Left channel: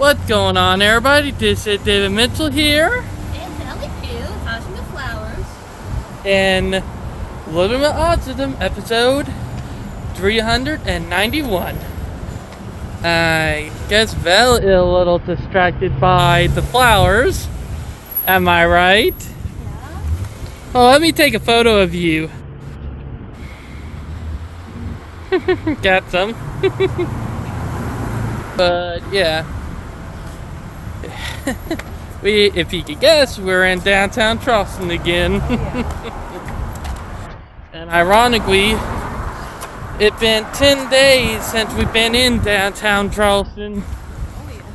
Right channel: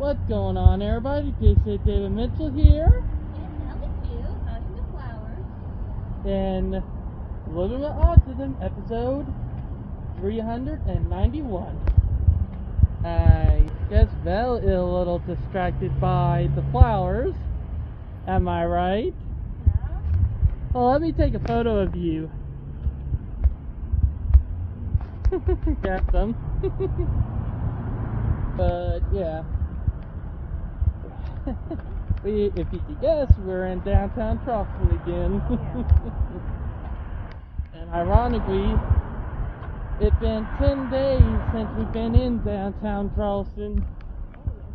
What's going on, everybody? This is David Mitchell here. And Ellie Pugh, Autism the Flowers. And Living with Autism, episode 391. I guess Val is a little distracted by the flowers. Am I right? Yeah. Oh, let me take a photo of you. Got some. But yeah. If you could guess, we're in downtown Charleston again. And ironically, it's been 10 days since we've been in downtown Charleston.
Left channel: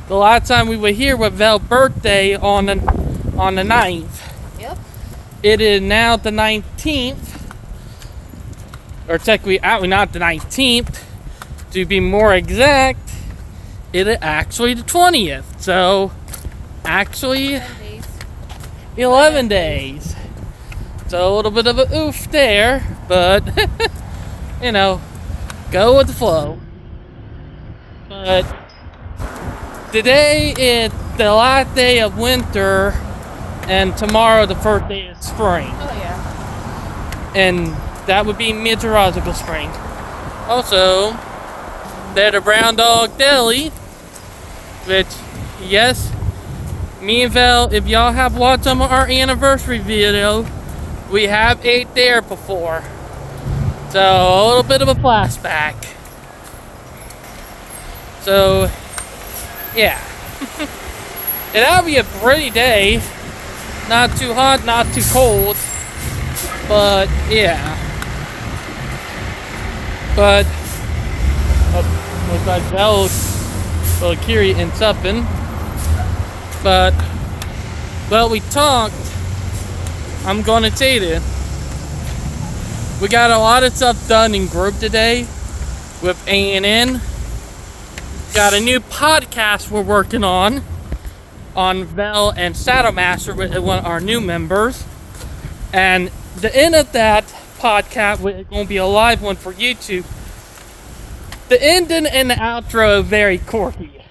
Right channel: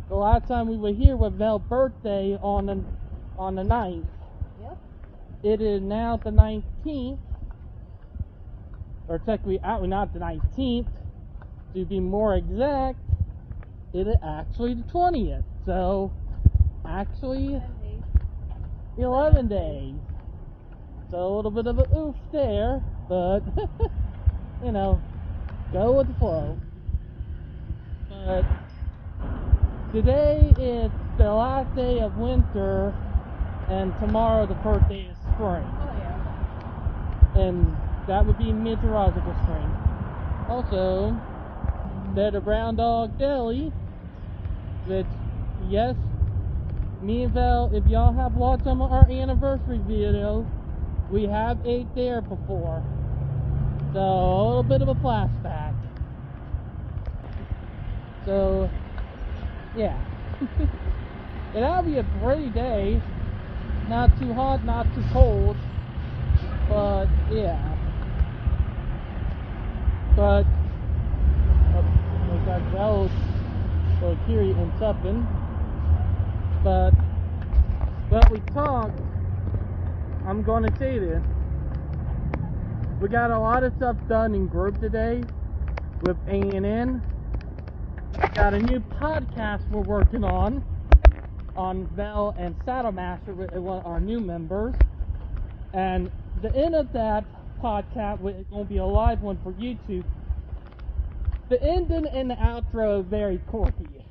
The last time we were here was Val's birthday on the 9th. Yep. It is now the 19th. Or technically, not the 19th. To be more exact, it is actually the 20th. So, actually, 11 days. So, a little bit of a oof there. But, you know, go with the flow. But, today is the last day of winter. And tomorrow, the first day of spring. Oh, yeah. And that would be meteorological spring. Also, there's a brown dog deli, which, yes, me and Val, if y'all have watched some of our anniversary video, we have ate there before. So, a little bit of a flashback. So, yeah. And that'll be a pretty day. Not too hot, not too cold. But, yeah. But, looks like Val's a little curious and something. But, well, we talked. I'm gonna tell you, we got a lot of stuff done in group today with A&N. Got a new podcast we're working on Val and Saddlemaster with one of our new members. And the end of that podcast is going to be a live one for YouTube. The ending and the outro are very quirky.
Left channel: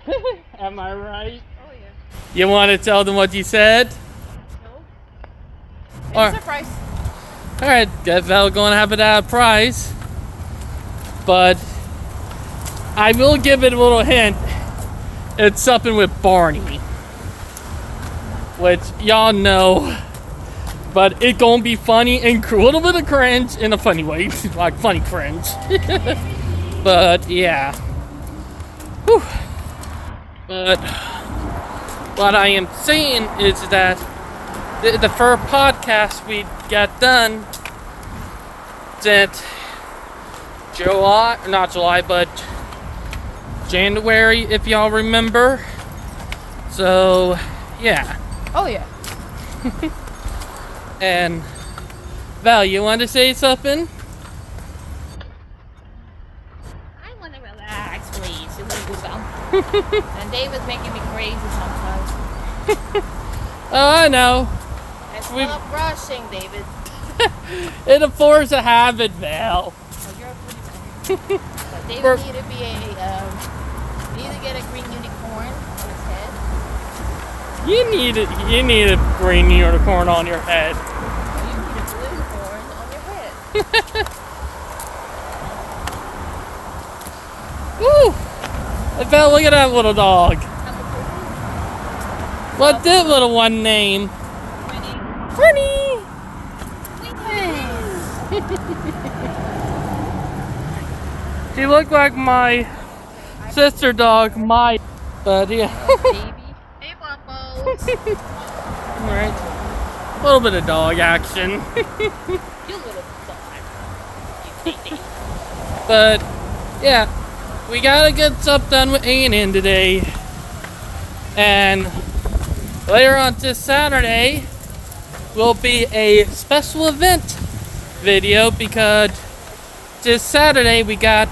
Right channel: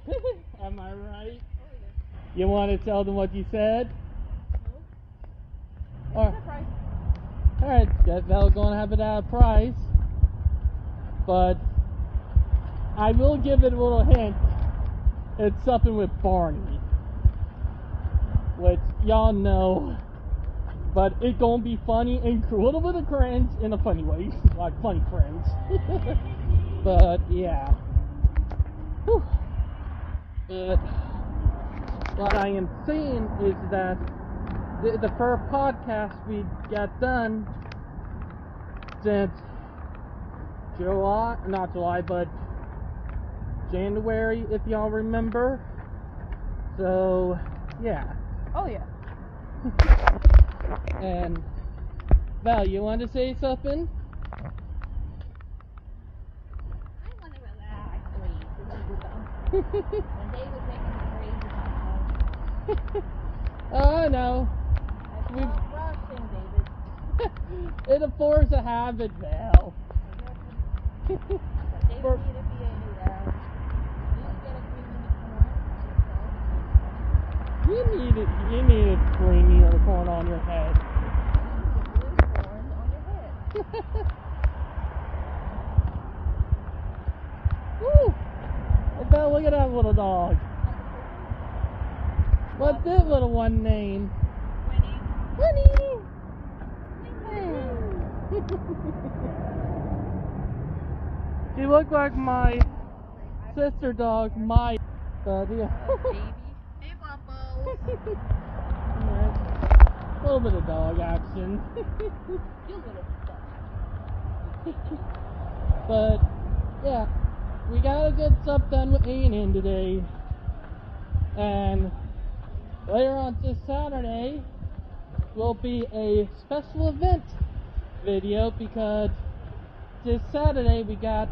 Am I right? Oh, yeah. You want to tell them what you said? No. It's a surprise. Alright, Val going to have it at a prize. But I will give it a little hint. It's something with Barney. Which y'all know. But it's gonna be funny and a little bit of cringe in a funny way. Like funny cringe. But yeah. Whew. But what I am saying is that the first podcast we got done since not July, but January, if y'all remember. So, yeah. Oh, yeah. And Val, you want to say something? I want to relax, please. You want to go down. And David's making me crazy sometimes. Oh, I know. I stop rushing, David. It'll force a habit, Val. Oh, you're a pretty man. David need to be need to get a green unicorn on his head. You need a green unicorn on your head. You need a blue corn on your head. Woo! Val, look at that little dog. What's that little one name? Winnie! She looked like my sister dog, but yeah. Baby. Hey, Waffles. Alright. A little bit of dog action. You little dog. You baby. But yeah, we gotta get stuff done with A&N today. And later on this Saturday will be a special event video because this Saturday we got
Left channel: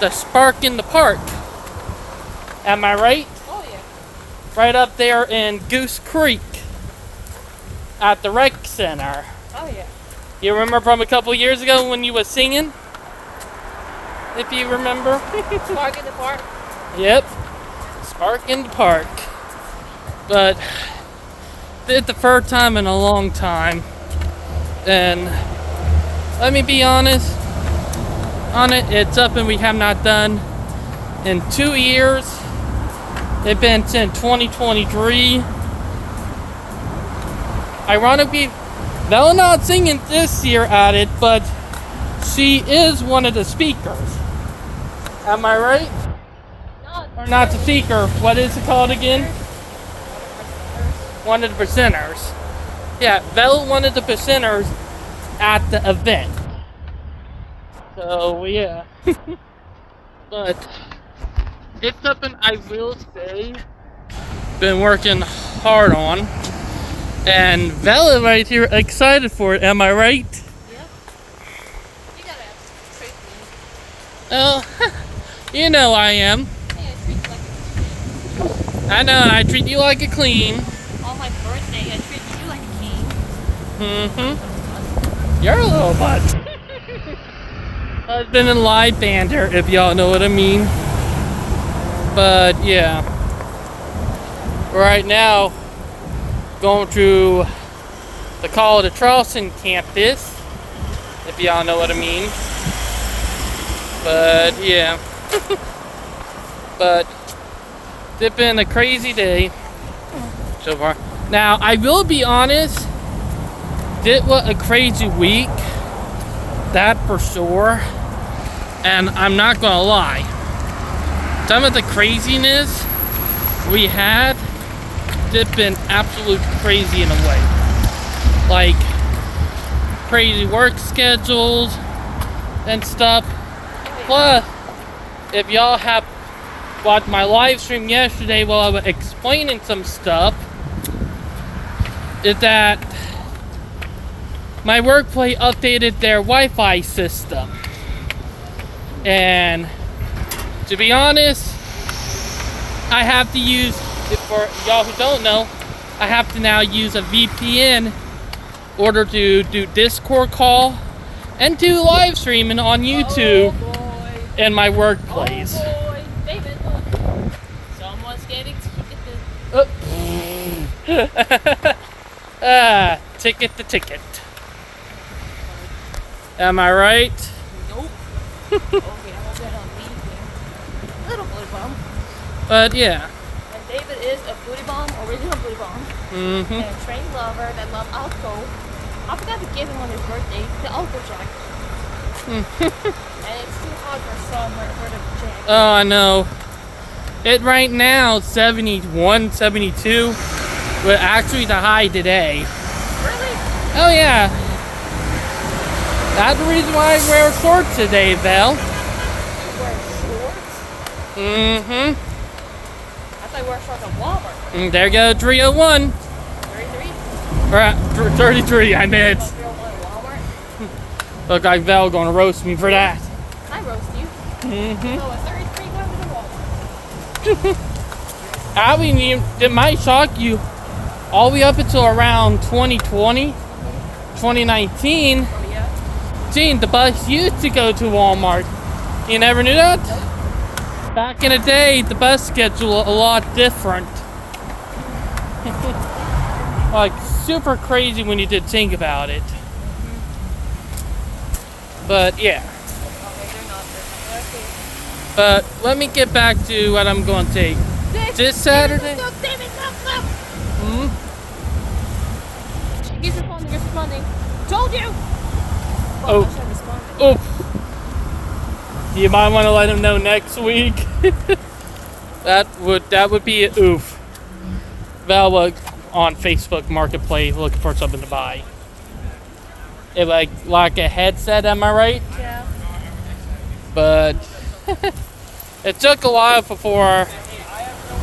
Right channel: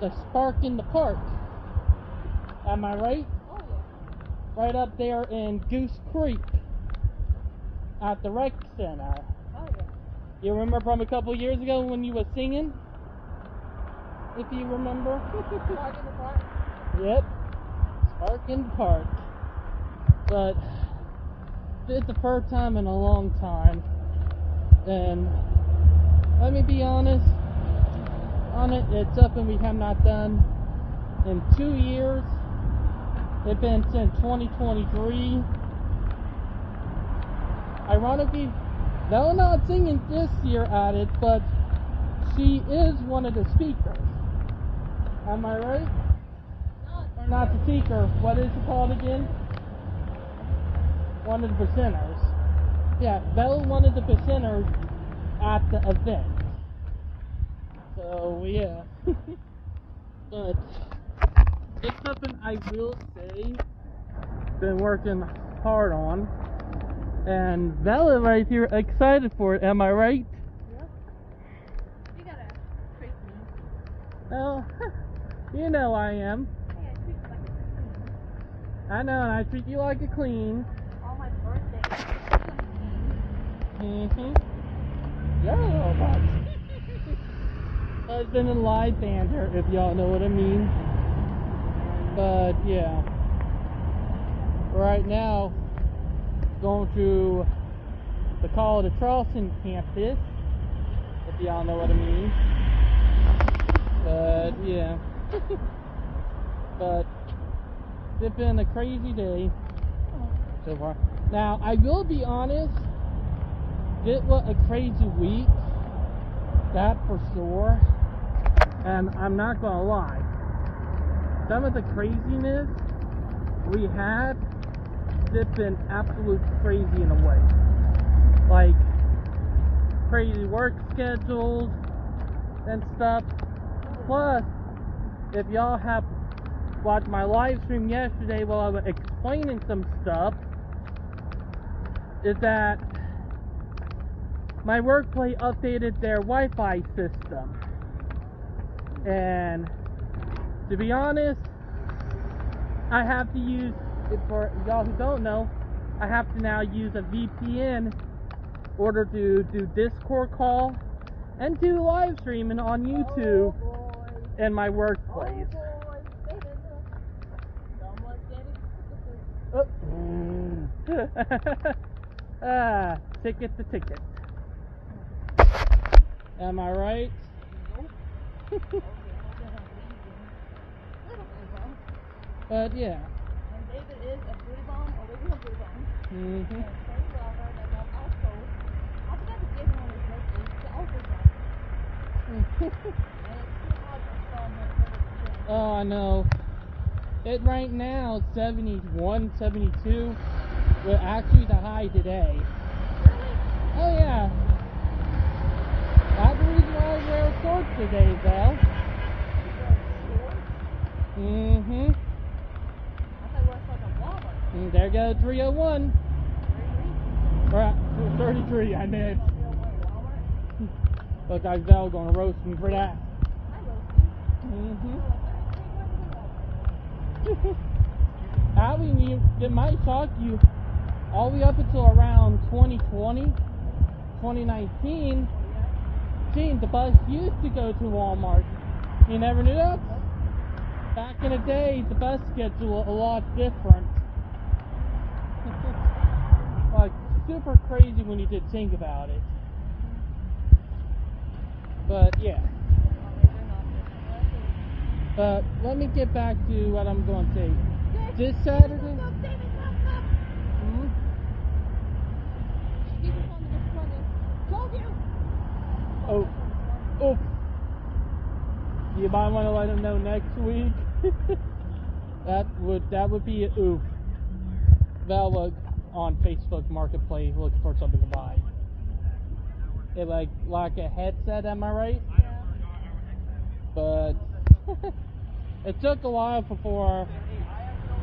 the Spark in the Park. Am I right? Oh, yeah. Right up there in Goose Creek at the rec center. Oh, yeah. You remember from a couple years ago when you were singing? If you remember. Spark in the Park. Yep. Park in the park. But it's the first time in a long time. And let me be honest on it, it's something we have not done in 2 years. It's been since 2023. Ironically, Bella not singing this year at it, but she is one of the speakers. Am I right? Or not the speaker, what is it called again? One of the presenters. Yeah, Bella one of the presenters at the event. So yeah. But it's something I will say been working hard on. And Bella right here excited for it, am I right? Yep. You gotta treat me. Oh, you know I am. Hey, I treat you like I know, I treat you like a queen. on my birthday, I treat you like a king. Mm-hmm. You're a little butt. Husband and live banter, if y'all know what I mean. But yeah. Right now, going through the College of Charleston campus, if y'all know what I mean. But yeah. But it's been a crazy day so far. Now, I will be honest, it was a crazy week, that for sure. And I'm not gonna lie, some of the craziness we had, it's been absolute crazy in a way. Like crazy work schedules and stuff. Plus, if y'all have watched my live stream yesterday while I was explaining some stuff, is that my workplace updated their Wi-Fi system. And to be honest, I have to use, for y'all who don't know, I have to now use a VPN in order to do Discord call and do live streaming on YouTube in my workplace. Oh boy, David, someone's getting ticketed. Ticket to ticket. Am I right? Nope. Okay, I'm gonna leave here. Little booty bomb. But yeah. And David is a booty bomb, original booty bomb. Mm-hmm. And a trained lover that loves Alco. I forgot to give him on his birthday the Alco jacket. And it's too hot for summer for the jacket. Oh, I know. It right now 71, 72. But actually the high today. Really? Oh yeah. That's the reason why I wear shorts today, Val. You wear shorts? Mm-hmm. I thought you wore shorts at Walmart. And there go 301. 33? Or 33, I meant. 301 at Walmart? Look like Val gonna roast me for that. I roast you. Mm-hmm. So a 33 going to Walmart. I mean, it might shock you. All the way up until around 2020, 2019, Yeah. Gene, the bus used to go to Walmart. You never knew that? Back in the day, the bus schedule a lot different. Like, super crazy when you did think about it. But, yeah. Okay, they're not. But, let me get back to what I'm going to take. This Saturday? No, David, no. Hmm? He's responding. Told you! Oh. I should respond. Oof. You might want to let him know next week. that would be a oof. Val was on Facebook Marketplace looking for something to buy. It like a headset, am I right? Yeah. But it took a while before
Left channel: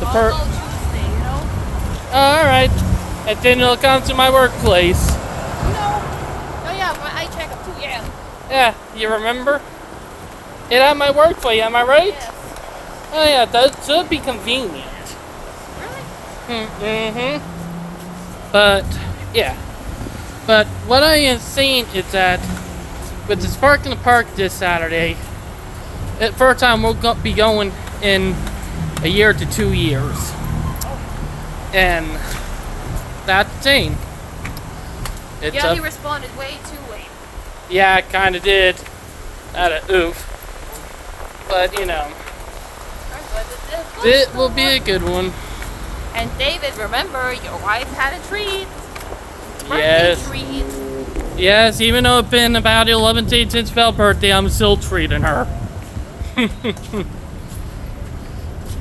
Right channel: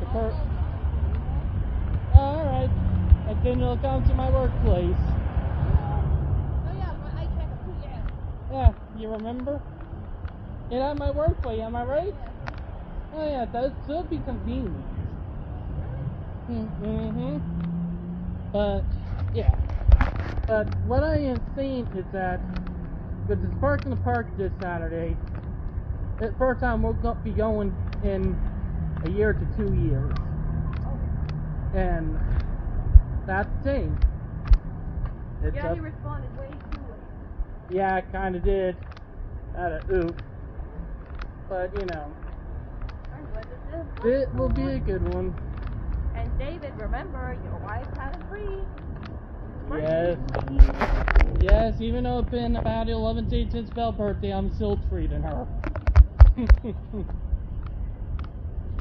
the I'll go Tuesday, you know? all right, and then it'll come to my workplace. No. Oh yeah, my eye checkup too, yeah. Yeah, you remember? It at my workplace, am I right? Yes. Oh yeah, that should be convenient. Really? Mm-hmm. But yeah. But what I am saying is that with the Spark in the Park this Saturday, at first time we'll be going in a year to 2 years. And that's insane. It's Yeah, he responded way too late. Yeah, it kind of did. At a oof. But, you know, it will be a good one. And David, remember, your wife had a treat. Yes. Birthday treat. Yes, even though it's been about 11 days since Belle's birthday, I'm still treating her.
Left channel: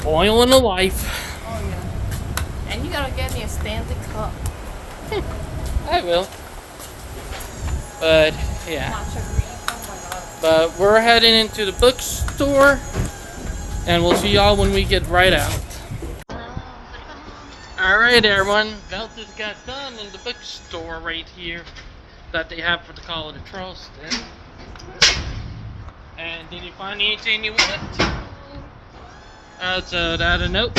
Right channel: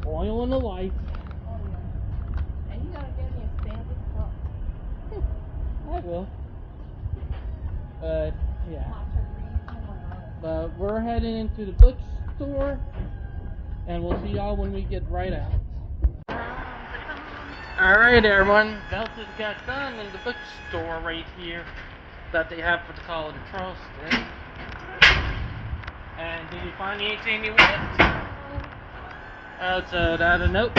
Oil in the life. Oh, yeah. And you gotta get me a Stanley Cup. I will. But, yeah. Matcha green. Oh my god. But we're heading into the bookstore. And we'll see y'all when we get right out. Alright everyone, Belle just got done in the bookstore right here that they have for the College of Charleston. And did you find anything you want? So that a note.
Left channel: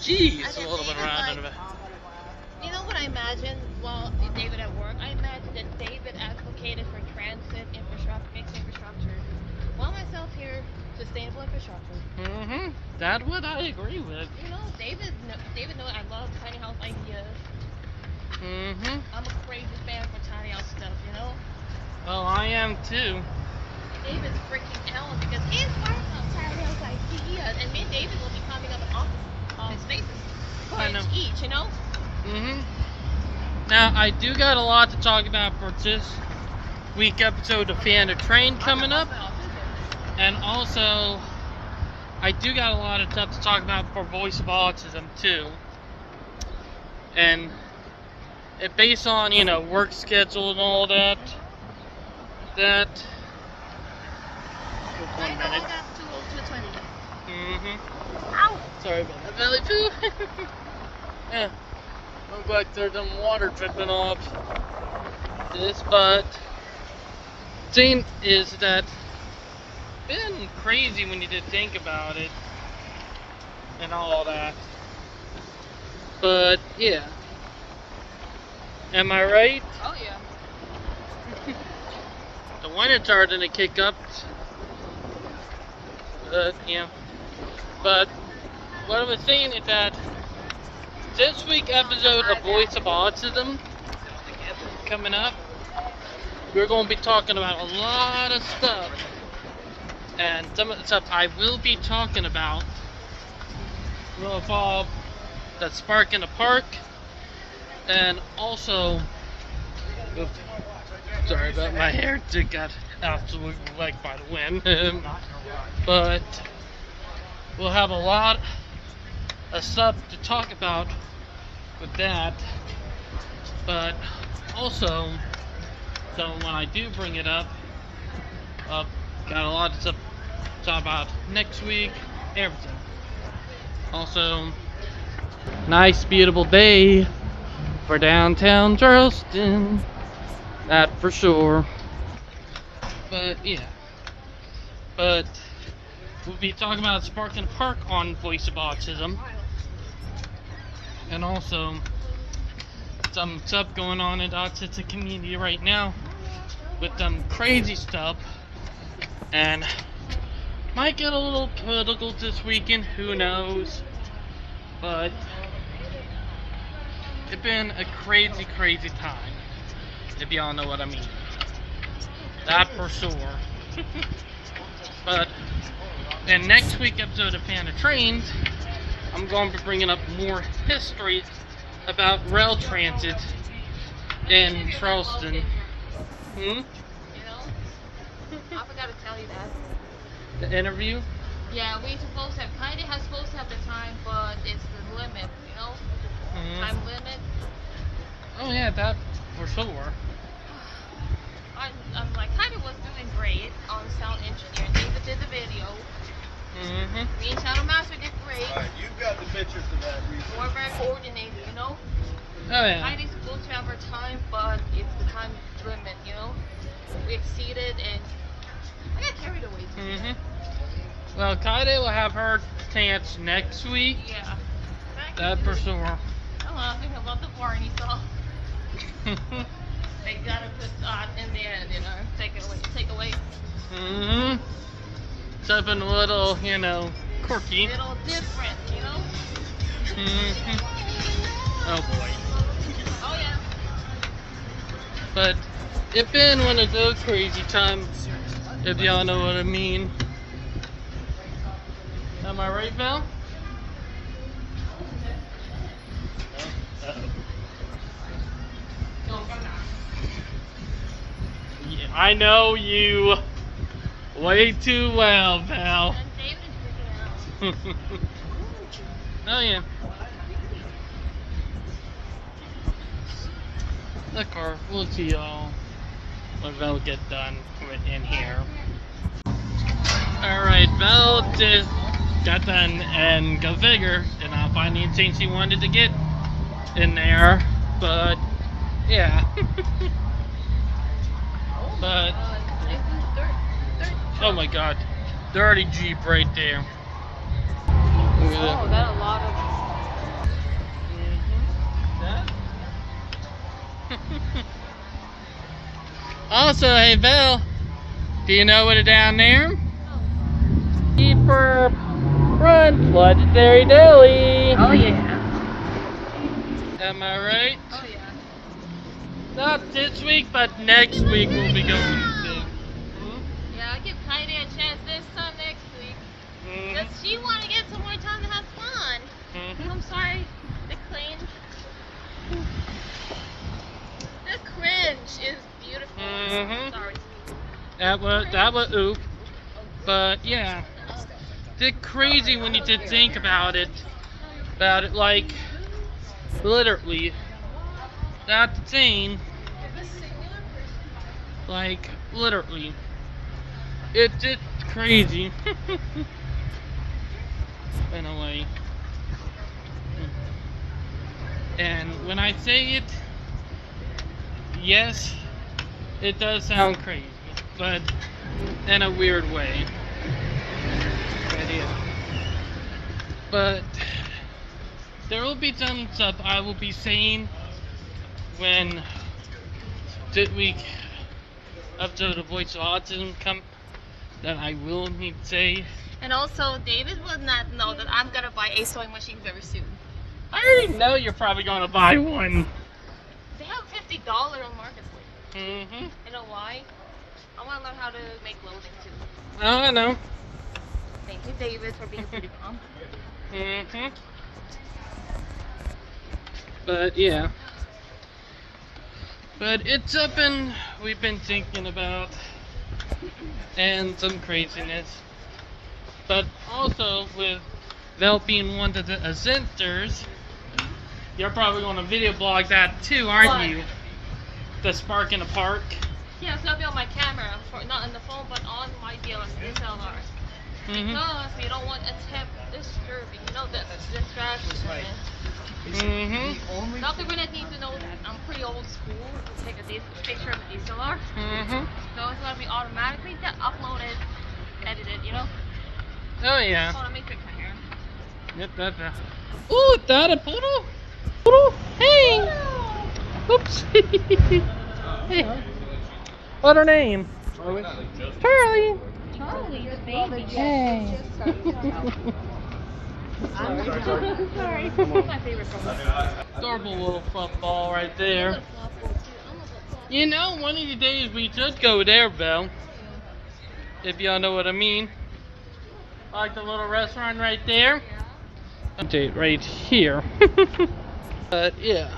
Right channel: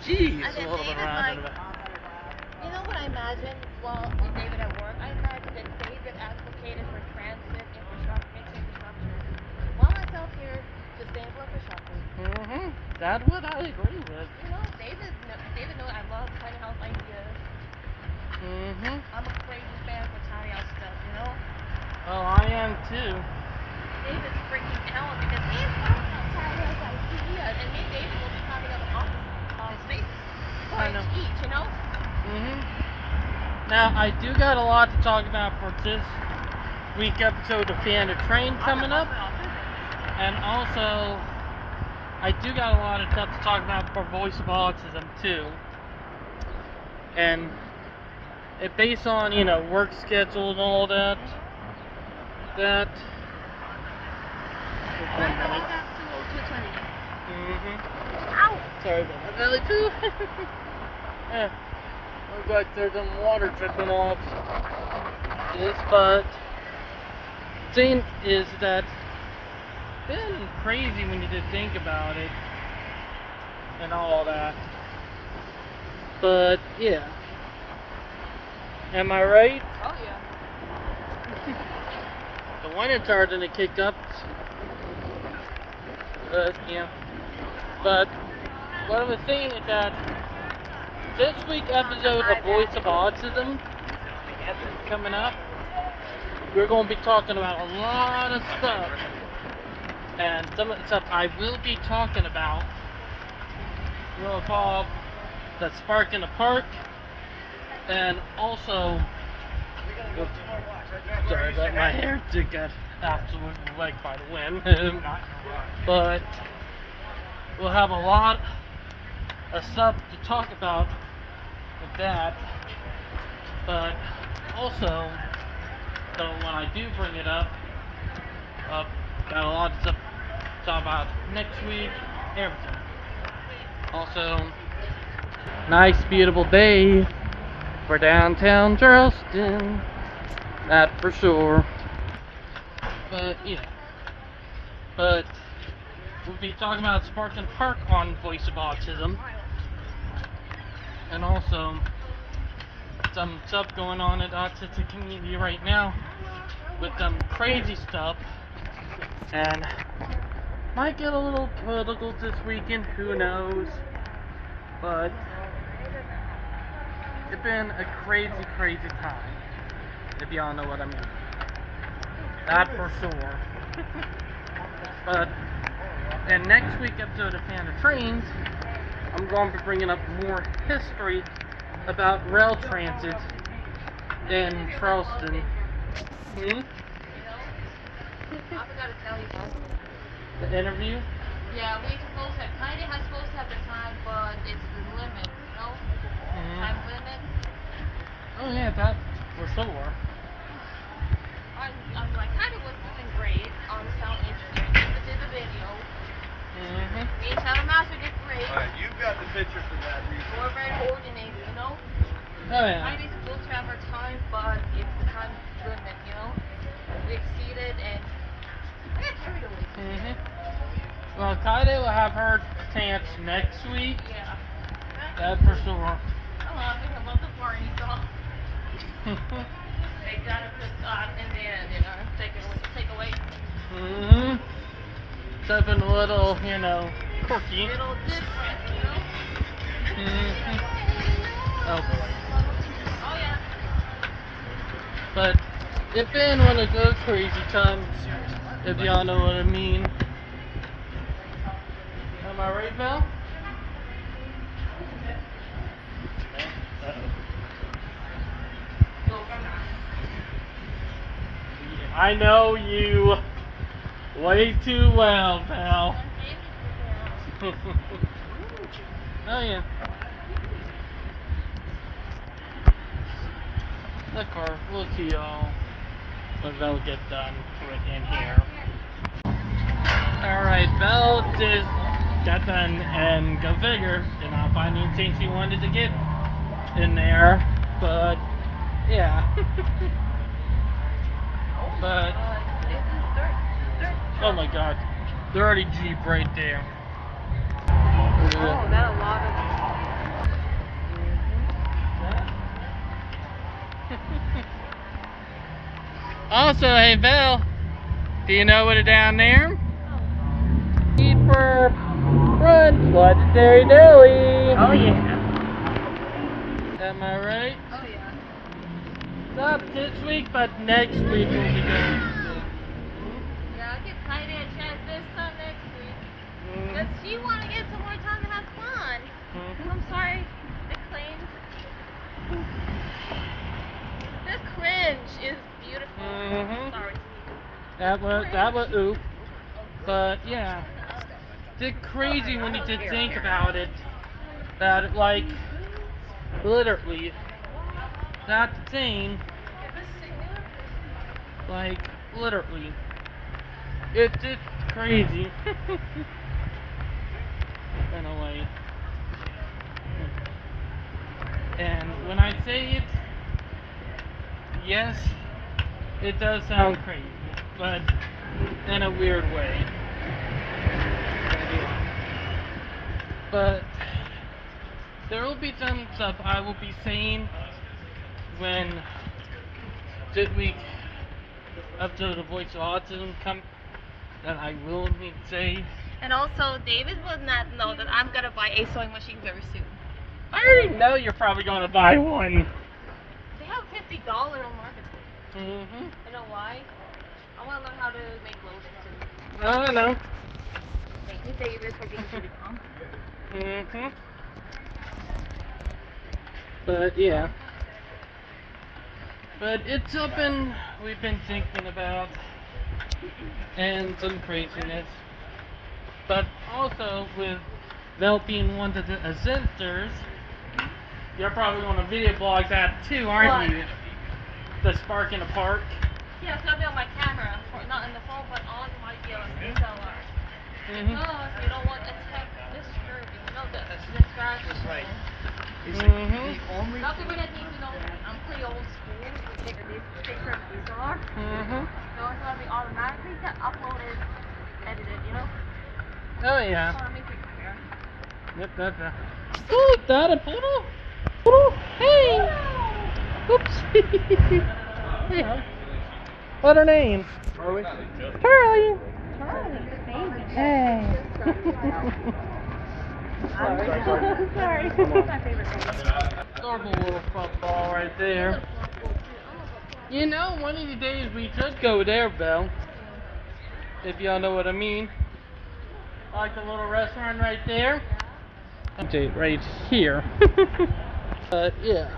Jeez, a little bit around and about. You know what I imagine while David at work? I imagine that David advocated for transit infrastructure. While myself here, sustainable infrastructure. Mm-hmm. That's what I agree with. You know, David knows I love tiny house ideas. Mm-hmm. I'm a crazy fan for tiny house stuff, you know? Oh, I am too. David's freaking out because he's working on tiny house ideas, and me and David will be coming up with all spaces. I know. Each, you know? Mm-hmm. Now, I do got a lot to talk about for this week episode of Fan of Train coming up. And also, I do got a lot of stuff to talk about for Voice of Autism too. And it based on, you know, work schedule and all that. Just 1 minute. Mm-hmm. Ow! Sorry about that, belly too. Looks like there's some water dripping off this, but the thing is that been crazy when you did think about it and all that. But yeah. Am I right? Oh yeah. The wind is starting to kick up. Yeah. But what I was saying is that this week episode of Voice of Autism coming up, we're going to be talking about a lot of stuff. And some of the stuff I will be talking about will involve the spark in the park, and also, sorry about my hair, it got absolutely wrecked by the wind. But we'll have a lot of stuff to talk about with that. But also, so when I do bring it up, got a lot of stuff to talk about next week, everything. Also, nice, beautiful day for downtown Charleston, that for sure. But yeah, but we'll be talking about Spark and Park on Voice of Autism, and also some stuff going on in the autistic community right now with some crazy stuff. And might get a little political this weekend, who knows. But it's been a crazy, crazy time, if y'all know what I mean. That for sure. But in next week's episode of Fan of Trains, I'm going to be bringing up more history about rail transit in Charleston. I forgot to tell you that. The interview? Yeah, we supposed to have, kinda has supposed to have the time, but it's the limit, you know? Time limit. Oh yeah, that for sure. I'm like, kinda was doing great. Sound interesting. David did the video. Me and Shadow Master did great. Alright, you've got the picture for that. We're very coordinated, you know? Oh yeah. Heidi's supposed to have her time, but it's the time limit, you know? We exceeded and I got carried away. Well, Kaide will have her chance next week. Yeah. That for sure. Oh well, we have a local party, so they gotta put in there and take away. Something a little, you know, quirky. Little different, you know? Oh boy. Oh yeah. But it's been one of those crazy times, if y'all know what I mean. Am I right, Val? Yeah, I know you way too well, Val. And David's freaking out. Oh yeah. The car. We'll see y'all when Val get done in here. Alright, Val just got done and go figure. Did not find anything she wanted to get in there. But yeah. But oh my god. Dirty Jeep right there. Oh, that a lot of. Also, hey Val, do you know what is down there? Keeper Front Legendary Deli. Oh yeah. Am I right? Oh yeah. Not this week, but next week we'll be going to. Yeah, I'll give Kaide a chance this time next week. Because she want to get some more time to have fun. I'm sorry, the cringe. The cringe is beautiful. Sorry. That was oof. But yeah, it's crazy when you did think about it. About it, like literally. That's insane. Like literally. It's just crazy. In a way. And when I say it, yes, it does sound crazy, but in a weird way. But there will be some stuff I will be saying when this week after the Voice of Autism come that I will need to say. And also, David will not know that I'm gonna buy a sewing machine very soon. I already know you're probably gonna buy one. They have $50 on market. You know why? I want to learn how to make loaves too. I don't know. Thank you, David, for being pretty calm. But yeah. But it's something we've been thinking about. And some craziness. But also with Vel being one of the ascenters, you're probably going to video blog that too, aren't What? you? The spark in the park. Yeah, so I'll be on my camera, not on the phone, but on my DSLR. Because you don't want a tech disturbing, you know, that's distraction. Not the really need to know I'm pretty old school to take a picture of the DSLR. So it's going to be automatically uploaded, edited, you know? Oh yeah. I want to make it clear. Yep, that's right. Ooh, that a poodle? Poodle? Hey! Oops. Hey. What's her name? Charlie. Charlie. Charlie, the baby. Oh. Sorry. That's my favorite baby. Adorable little football right there. You know, one of these days we should go there, Belle. If y'all know what I mean. Like the little restaurant right there. And right here. But yeah.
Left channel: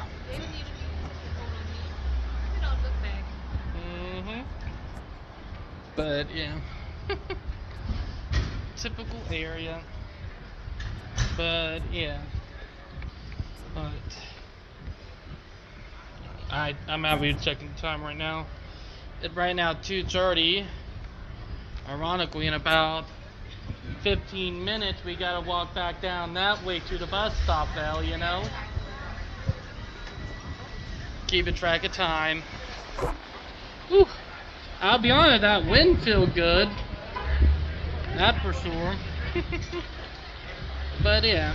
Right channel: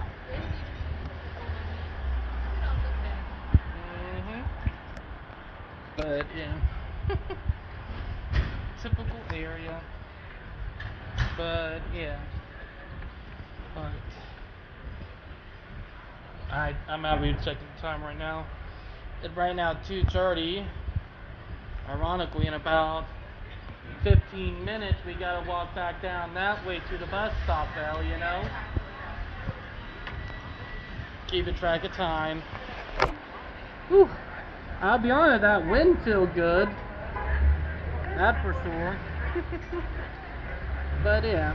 But yeah. Typical area. But yeah. But I'm out here checking the time right now. It's right now 2:30. Ironically, in about 15 minutes we gotta walk back down that way to the bus stop, Val, you know? Keeping track of time. Whew. I'll be honest, that wind feels good. That for sure. But yeah.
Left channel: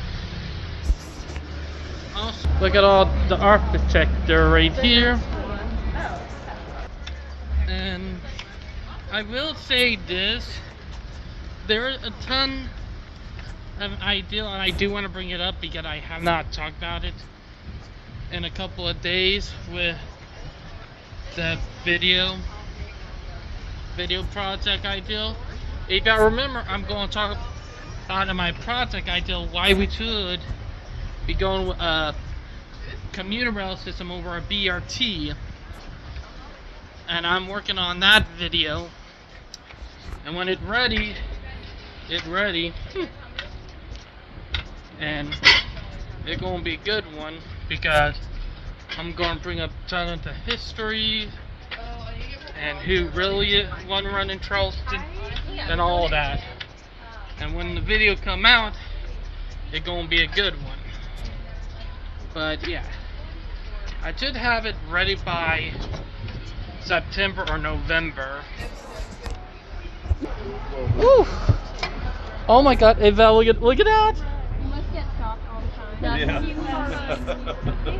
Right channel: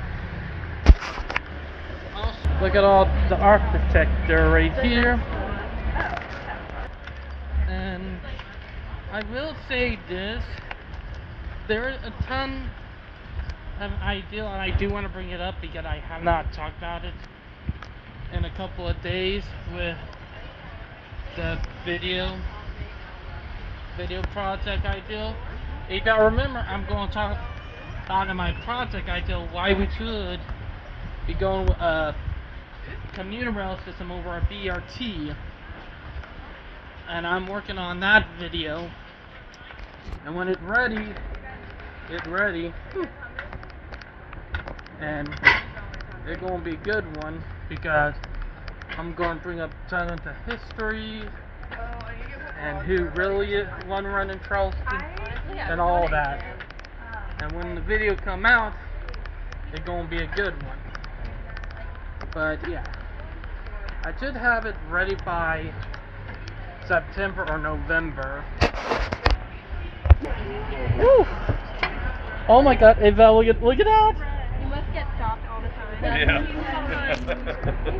Look at all the architecture right here. And I will say this. There are a ton have an idea, and I do want to bring it up because I have not talked about it in a couple of days with the video project ideal. If I remember, I'm going to talk about in my project ideal why we should be going with a commuter rail system over a BRT, and I'm working on that video. And when it's ready, and it's gonna be a good one because I'm gonna bring up turn into history and who really won running Charleston and all that. And when the video come out, it's gonna be a good one. But yeah, I should have it ready by September or November. Woo. Oh my God, Eva, look at that! You must get stopped all the time. Yeah.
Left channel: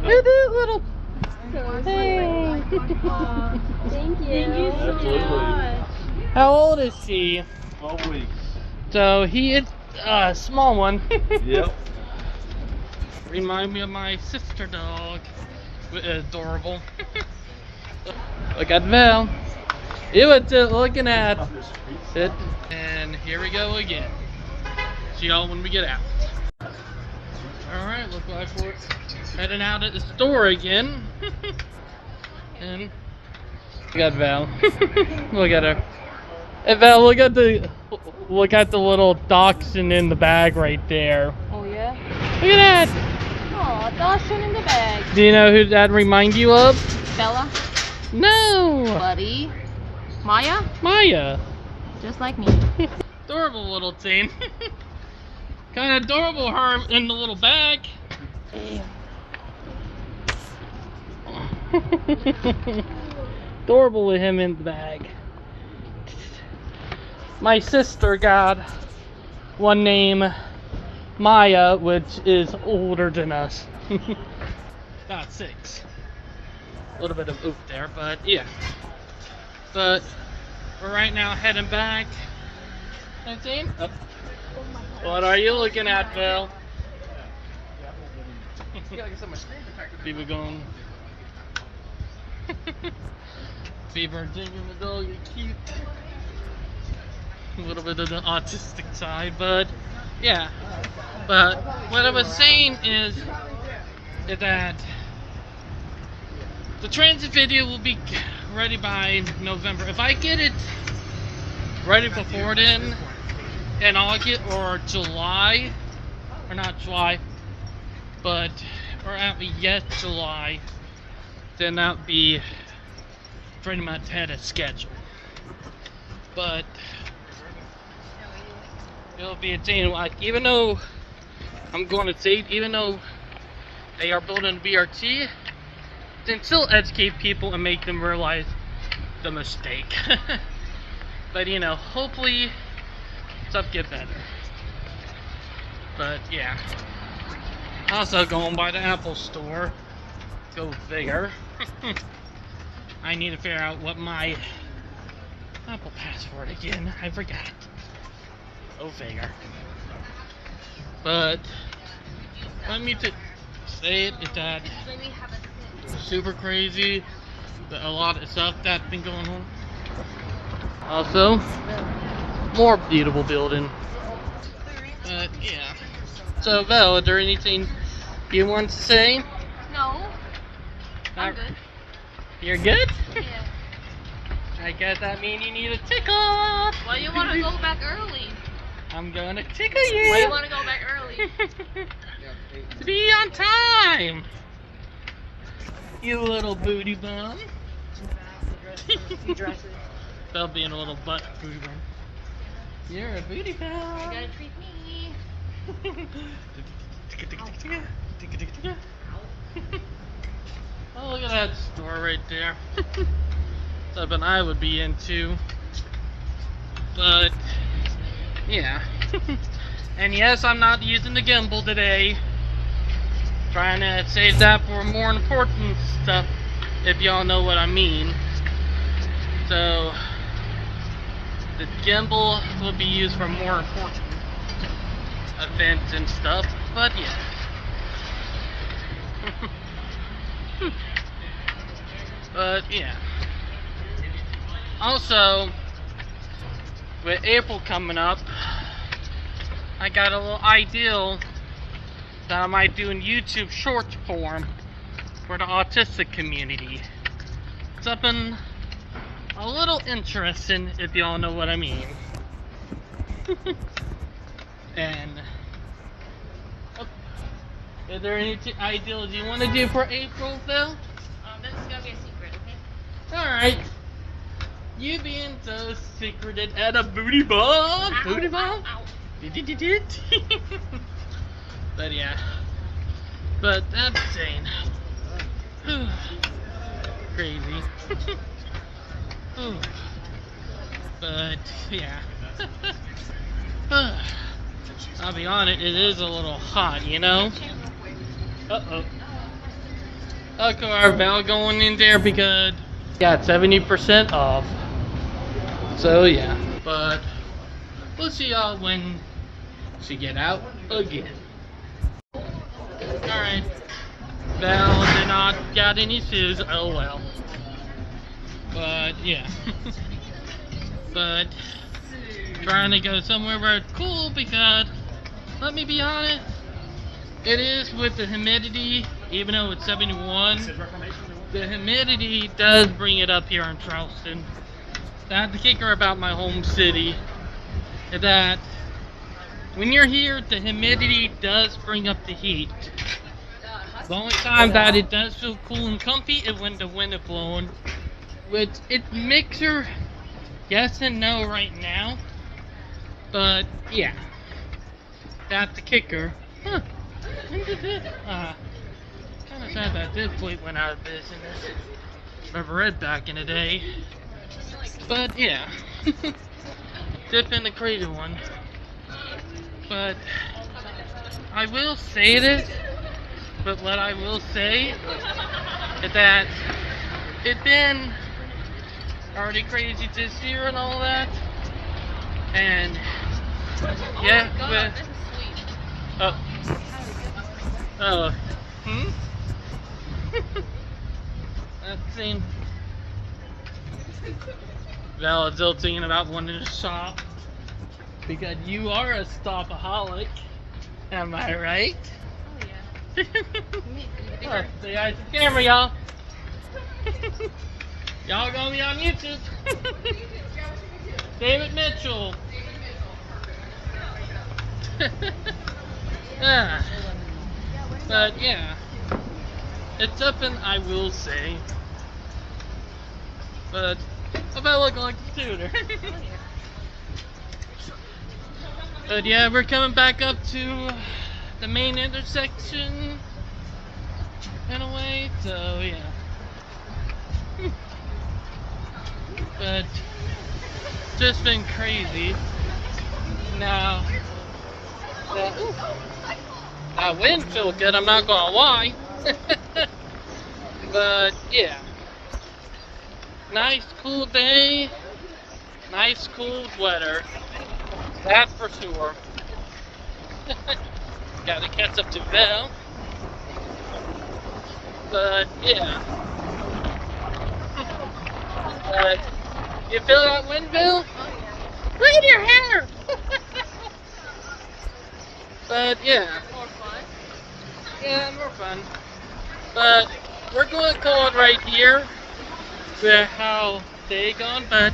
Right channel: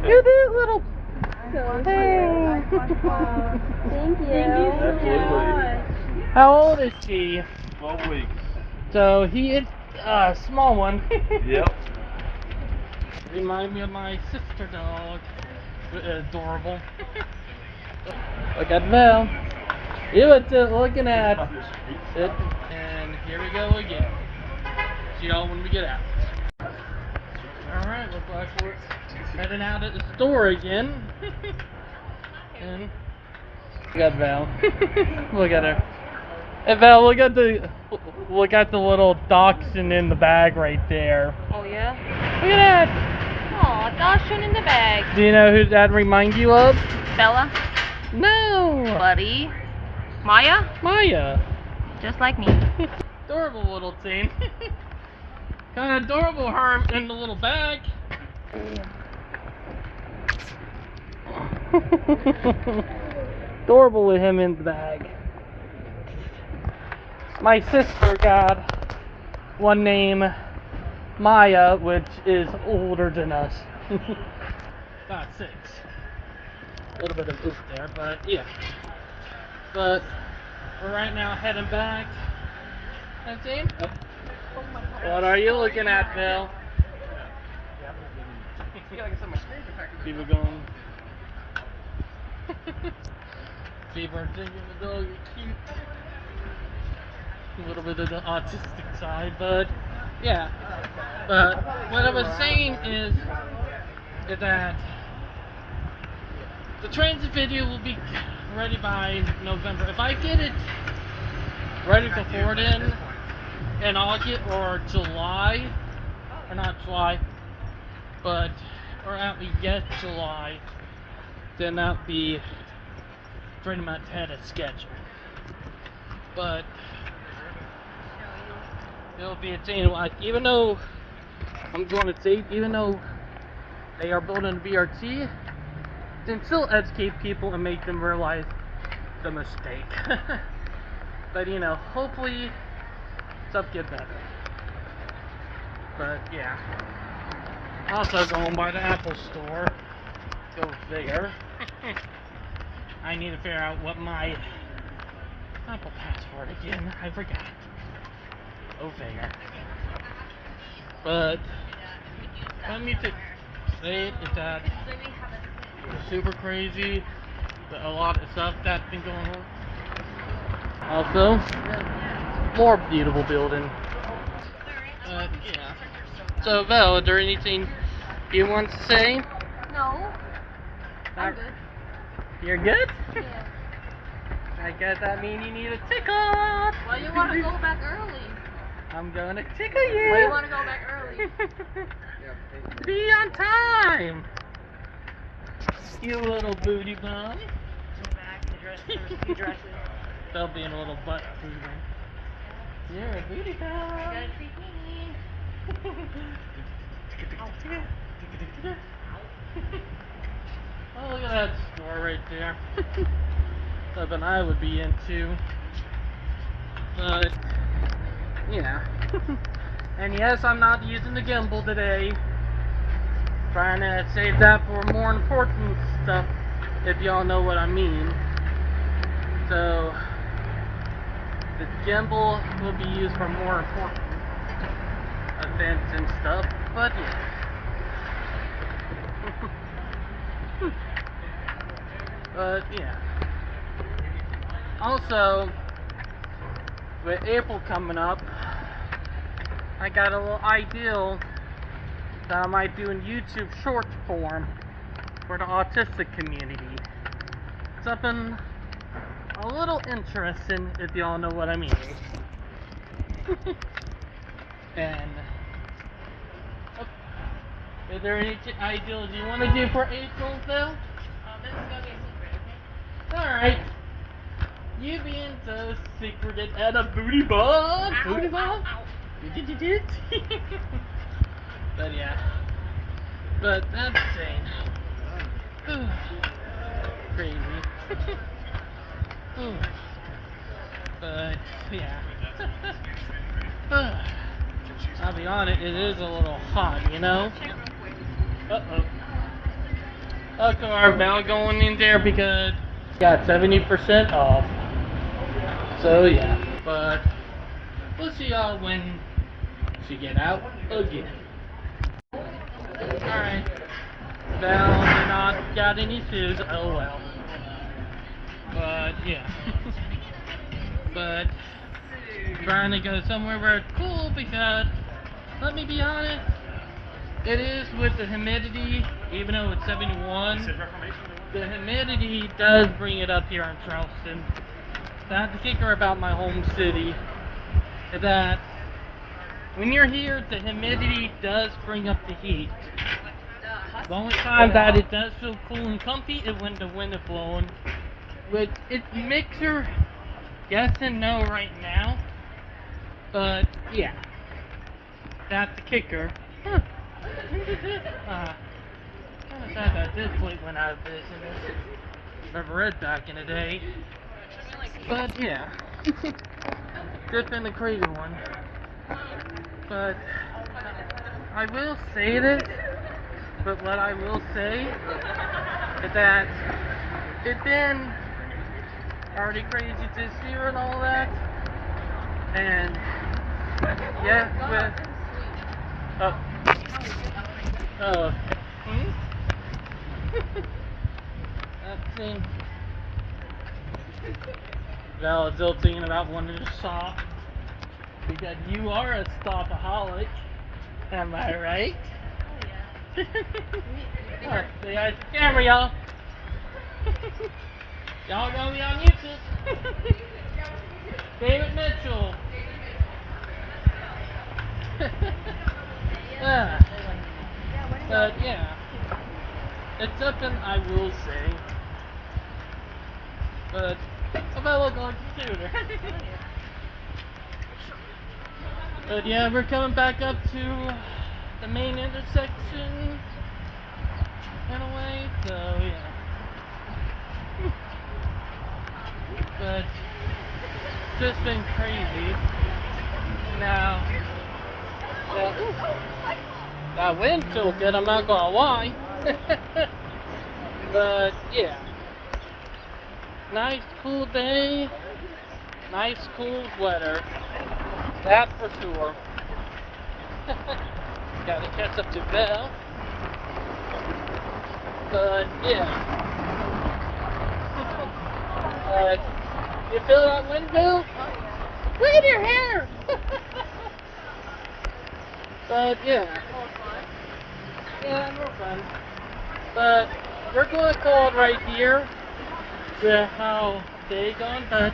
It is little. So Hey. thank you. Absolutely. How old is she? 12 weeks. So he is a small one. Yep. Remind me of my sister dog. Adorable. Look at Val. You were looking at it. And here we go again. See y'all when we get out. Alright, looks like we're heading out at the store again. And we got Val. Look at her. Hey Val, look at the little dachshund in the bag right there. Oh yeah? Look at that! Oh, dachshund in the bag. Do you know who that remind you of? Bella. No! Buddy. Maya? Maya. Just like me. Adorable little thing. Kind of adorable, her in the little bag. Adorable with him in the bag. My sister got one named Maya, which is older than us. About 6. A little bit of oof there, but yeah. But we're right now heading back. I think. Oh. What are you looking at, Phil? People going. Fever jingle the dog, you're cute. A little bit of the autistic side, but yeah. But what I was saying is that the transit video will be ready by November. If I get it ready before then, in August or July, or not July, but or at yet July, then that'll be pretty much ahead of schedule. But it'll be a thing like, even though I'm going to say, even though they are building BRT, then still educate people and make them realize the mistake. But you know, hopefully stuff get better. But yeah. Also going by the Apple store. Go figure. I need to figure out what my Apple password again. I forgot. Go figure. But let me say it is that super crazy. But a lot of stuff that's been going on. Also, more beautiful building. But yeah. So Val, is there anything you want to say? No. I'm good. You're good? Yeah. I guess that means you need a tickle. Why do you want to go back early? I'm gonna tickle you. Why do you want to go back early? Be on time. You little booty bum. Bell being a little butt mover. You're a booty bell. You gotta treat me. Oh, look at that store right there. Something I would be into. But yeah. And yes, I'm not using the gimbal today. Trying to save that for more important stuff, if y'all know what I mean. So the gimbal will be used for more important events and stuff, but yeah. But yeah. Also, with April coming up, I got a little ideal that I might do in YouTube short form for the autistic community. Something a little interesting, if y'all know what I mean. And is there any ideals you want to do for April, Phil? This is gonna be a secret, okay? Alright. You being so secreted at a booty ball. Booty ball? But yeah. But that's insane. Crazy. But yeah. I'll be honest, it is a little hot, you know? Uh-oh. Okay, our bell going in there because yeah, 70% off. So yeah, but we'll see y'all when she get out again. Alright. Bell did not got any shoes. Oh well. But yeah. But trying to go somewhere where it's cool because let me be honest, it is with the humidity, even though it's 71, the humidity does bring it up here in Charleston. That's the kicker about my home city, is that when you're here, the humidity does bring up the heat. The only time that it does feel cool and comfy is when the wind is blowing. Which, it's mixer, yes and no right now. But, yeah. That's the kicker. Huh. Kind of sad that this fleet went out of business. Remember Red back in the day. But yeah, dip in the crazy one. But I will say this. But what I will say is that it's been already crazy this year and all that. And yeah, God, with, this is sweet. That thing. Val is still thinking about wanting to shop because you are a stopaholic. Am I right? Oh, Oh, say hi to the camera, y'all. Y'all gonna be on YouTube. David Mitchell. Yeah. But yeah, it's something I will say. But if I look like a tutor. But yeah, we're coming back up to the main intersection in a way, so yeah. But just been crazy. Now that wind feels good, I'm not gonna lie. But yeah. Nice cool day. Nice cool weather. That for sure. Gotta catch up to Belle. But yeah. But you feel that wind, Bill? Look at your hair! But yeah. Yeah, more fun. But we're going to call it right here with how they gone. But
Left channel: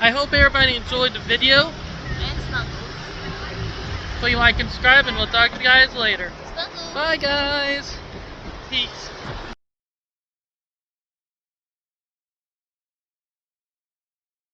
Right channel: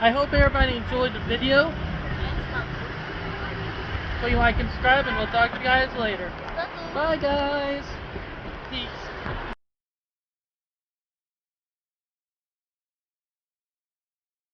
I hope everybody enjoyed the video. Please like and subscribe, and we'll talk to you guys later. Bye, guys. Peace.